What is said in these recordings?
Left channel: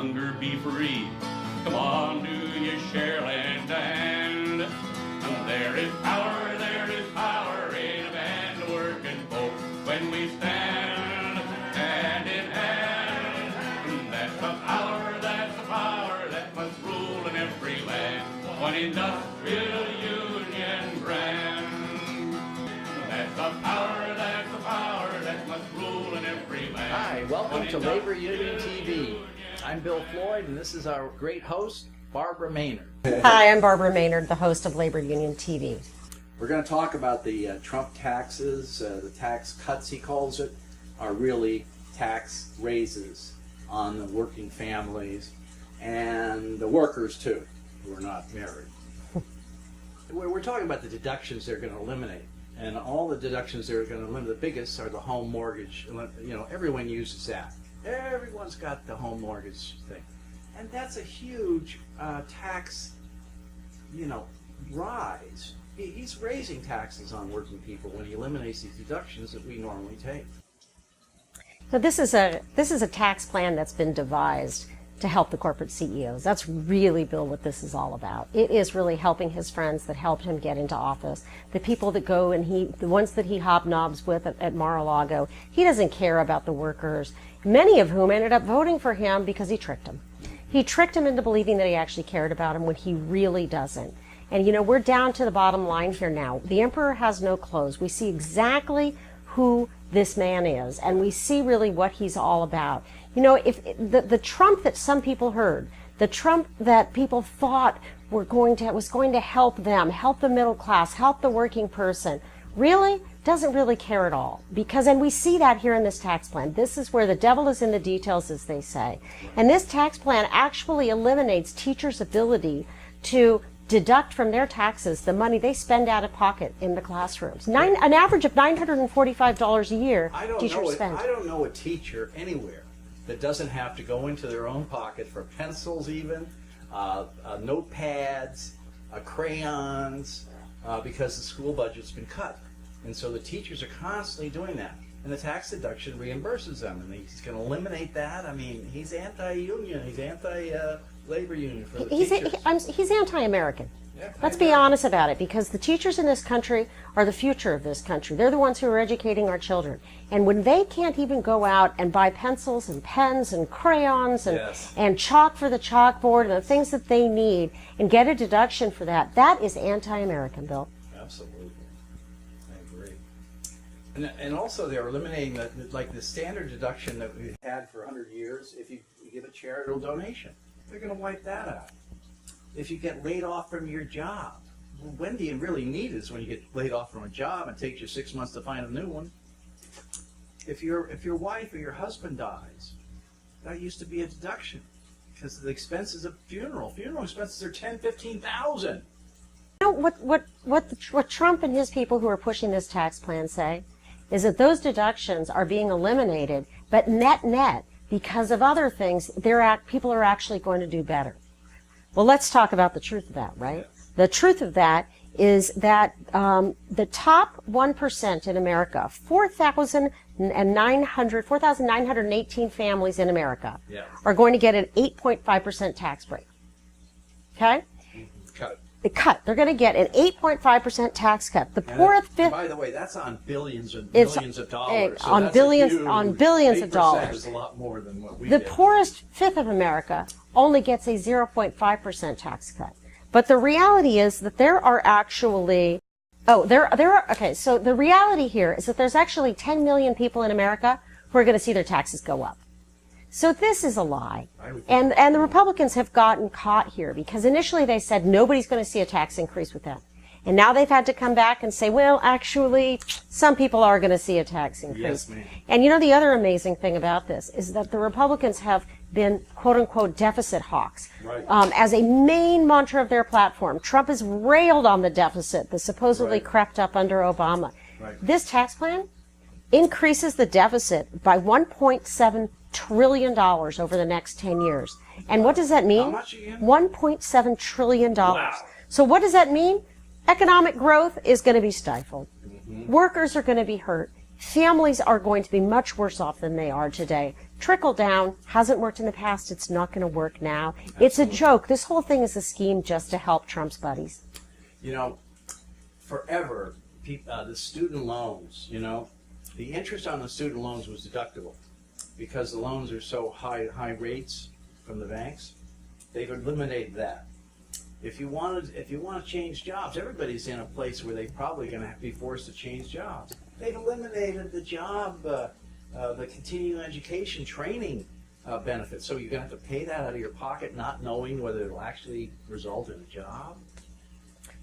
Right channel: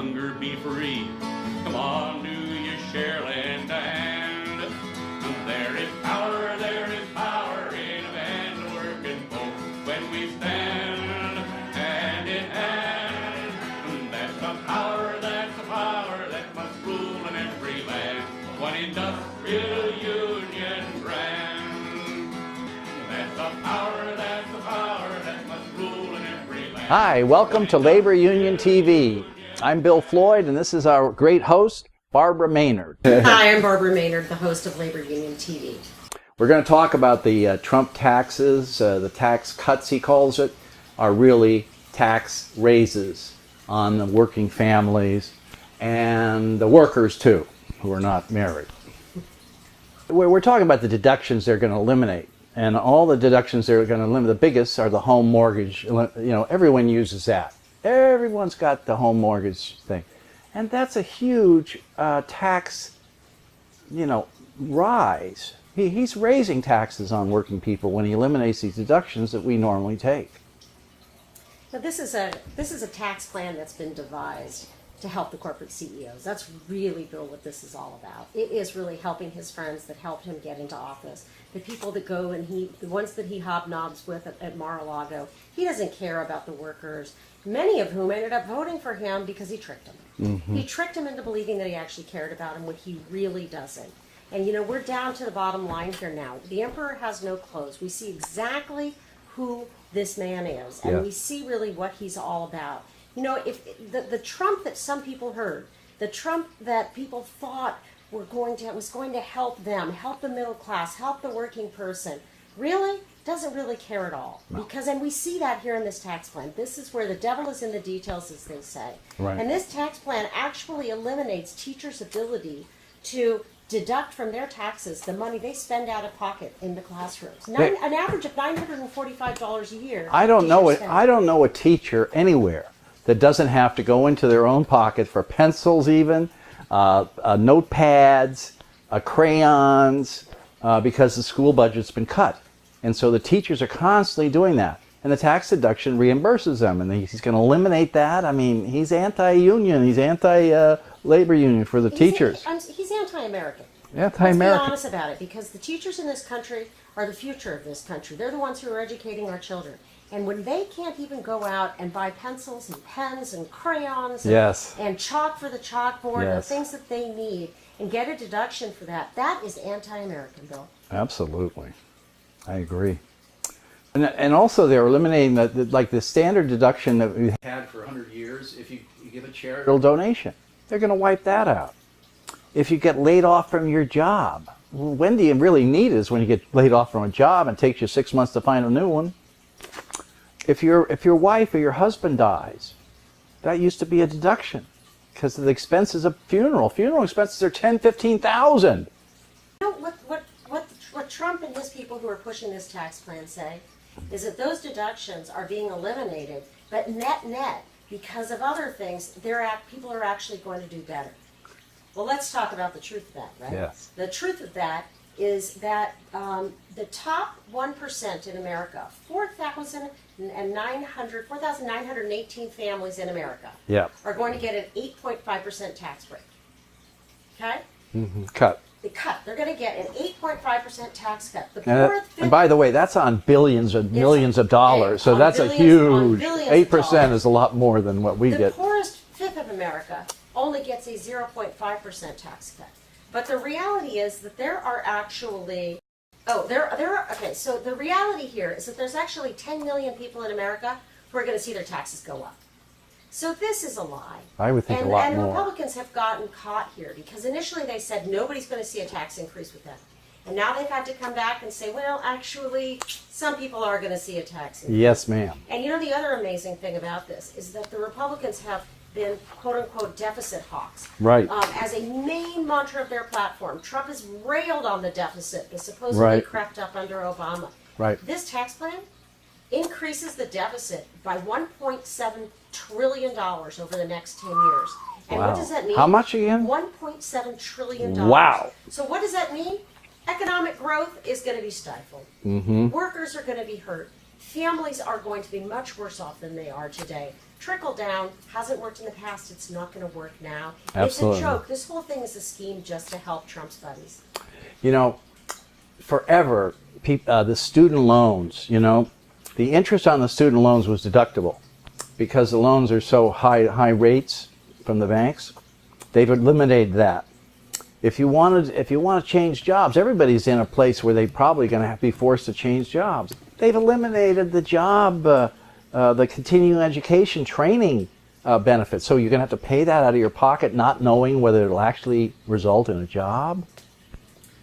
hunger be free. Come on, do you share land to hand? And there is power in a band of working folk when we stand hand in hand. And that's the power that must rule in every land. One industrial union brand. That's the power that must rule in every land. Hi, welcome to Labor Union TV. I'm Bill Floyd, and this is our great host, Barbara Maynard. Hi, I'm Barbara Maynard, the host of Labor Union TV. We're going to talk about the Trump taxes. The tax cuts, he calls it, are really tax raises on the working families and the workers, too, who are not married. We're talking about the deductions they're going to eliminate. And all the deductions they're going to eliminate, the biggest are the home mortgage. You know, everyone uses that. Everyone's got the home mortgage thing. And that's a huge tax, rise. He's raising taxes on working people when he eliminates these deductions that we normally take. So this is a tax plan that's been devised to help the corporate CEOs. That's really, Bill, what this is all about. It is really helping his friends that helped him get into office. The people that go and the ones that he hobnobs with at Mar-a-Lago, he doesn't care about the workers, many of whom ended up voting for him because he tricked them. Mm-hmm. He tricked them into believing that he actually cared about them when he really doesn't. And we're down to the bottom line here now. The emperor has no clothes. We see exactly who this man is, and we see really what he's all about. If the Trump that some people heard, the Trump that people thought was going to help them, help the middle class, help the working person, really doesn't really care at all. No. And we see that here in this tax plan. This is where the devil is in the details, as they say. Right. And this tax plan actually eliminates teachers' ability to deduct from their taxes the money they spend out of pocket in the classrooms. An average of $945 a year. I don't know a teacher anywhere that doesn't have to go into their own pocket for pencils even, notepads, crayons, because the school budget's been cut. And so the teachers are constantly doing that. And the tax deduction reimburses them. And he's going to eliminate that. I mean, he's anti-union. He's anti-labor union for the teachers. He's anti-American. Anti-American. Let's be honest about it, because the teachers in this country are the future of this country. They're the ones who are educating our children. And when they can't even go out and buy pencils and pens and crayons and chalk for the chalkboard and the things that they need and get a deduction for that, that is anti-American, Bill. Absolutely. I agree. And also they're eliminating the standard deduction that we've had for 100 years if you give a charitable donation. They're going to wipe that out. If you get laid off from your job, when do you really need it is when you get laid off from a job and it takes you 6 months to find a new one. If your wife or your husband dies, that used to be a deduction because of the expenses of funeral. Funeral expenses are $10,000-$15,000. What Trump and his people who are pushing this tax plan say is that those deductions are being eliminated, but net, because of other things, people are actually going to do better. Well, let's talk about the truth of that, right? Yes. The truth of that is that the top 1% in America, 4,918 families in America, are going to get an 8.5% tax break. Okay? Mm-hmm. Cut. They're going to get an 8.5% tax cut. The poorest fifth. And by the way, that's on billions and millions of dollars. So that's a huge. On billions 8% is a lot more than what we get. The poorest fifth of America only gets a 0.5% tax cut. But the reality is that there are actually. So the reality here is that there's actually 10 million people in America who are going to see their taxes go up. So this is a lie. I would think and the Republicans have gotten caught here because initially they said nobody's going to see a tax increase with them. And now they've had to come back and say, well, actually, some people are going to see a tax increase. Yes, ma'am. And the other amazing thing about this is that the Republicans have been, quote-unquote, deficit hawks. Right. As a main mantra of their platform. Trump has railed on the deficit that supposedly crept up under Obama. Right. This tax plan increases the deficit by $1.7 trillion over the next 10 years. And what does that mean? How much again? $1.7 trillion. Wow. So what does that mean? Economic growth is going to be stifled. Mm-hmm. Workers are going to be hurt. Families are going to be much worse off than they are today. trickle down, hasn't worked in the past, it's not going to work now. Absolutely. It's a joke. This whole thing is a scheme just to help Trump's buddies. You know, forever, the student loans, you know, the interest on the student loans was deductible because the loans are so high rates from the banks. They've eliminated that. If you want to change jobs, everybody's in a place where they're probably going to be forced to change jobs. They've eliminated the job, the continuing education training benefits. So you're going to have to pay that out of your pocket, not knowing whether it'll actually result in a job.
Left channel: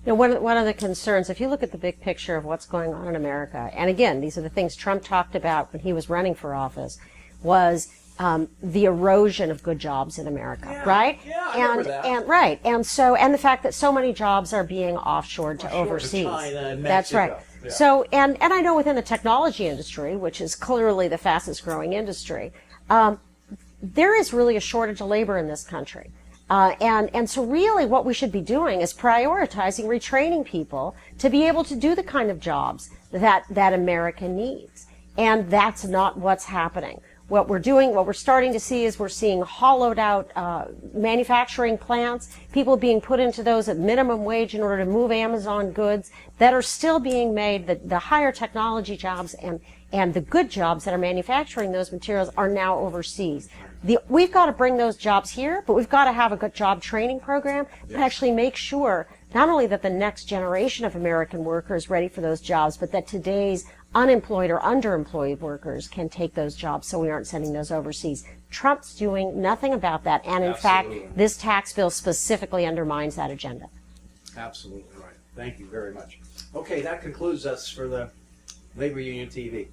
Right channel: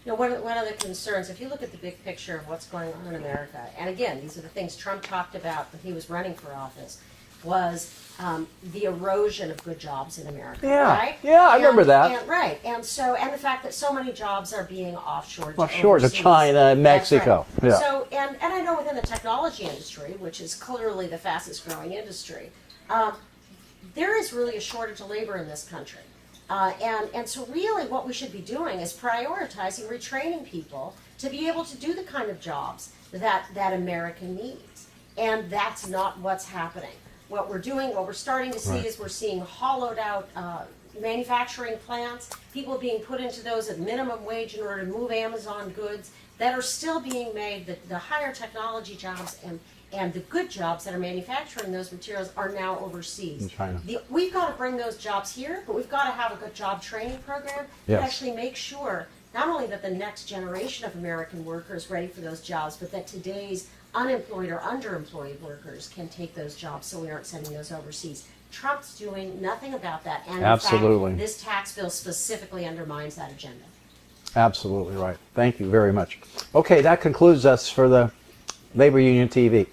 Now, one of the concerns, if you look at the big picture of what's going on in America, and again, these are the things Trump talked about when he was running for office, was the erosion of good jobs in America, right? Yeah, I remember that. And the fact that so many jobs are being offshored to overseas. To China and Mexico. That's right. Yeah. So, and I know within the technology industry, which is clearly the fastest growing industry, there is really a shortage of labor in this country. And so really what we should be doing is prioritizing retraining people to be able to do the kind of jobs that America needs. And that's not what's happening. What we're starting to see is we're seeing hollowed out manufacturing plants, people being put into those at minimum wage in order to move Amazon goods that are still being made, the higher technology jobs and the good jobs that are manufacturing those materials are now overseas. We've got to bring those jobs here, but we've got to have a good job training program that actually makes sure not only that the next generation of American workers is ready for those jobs, but that today's unemployed or underemployed workers can take those jobs so we aren't sending those overseas. Trump's doing nothing about that, and in fact, this tax bill specifically undermines that agenda. Absolutely right. Thank you very much. Okay, that concludes us for the Labor Union TV.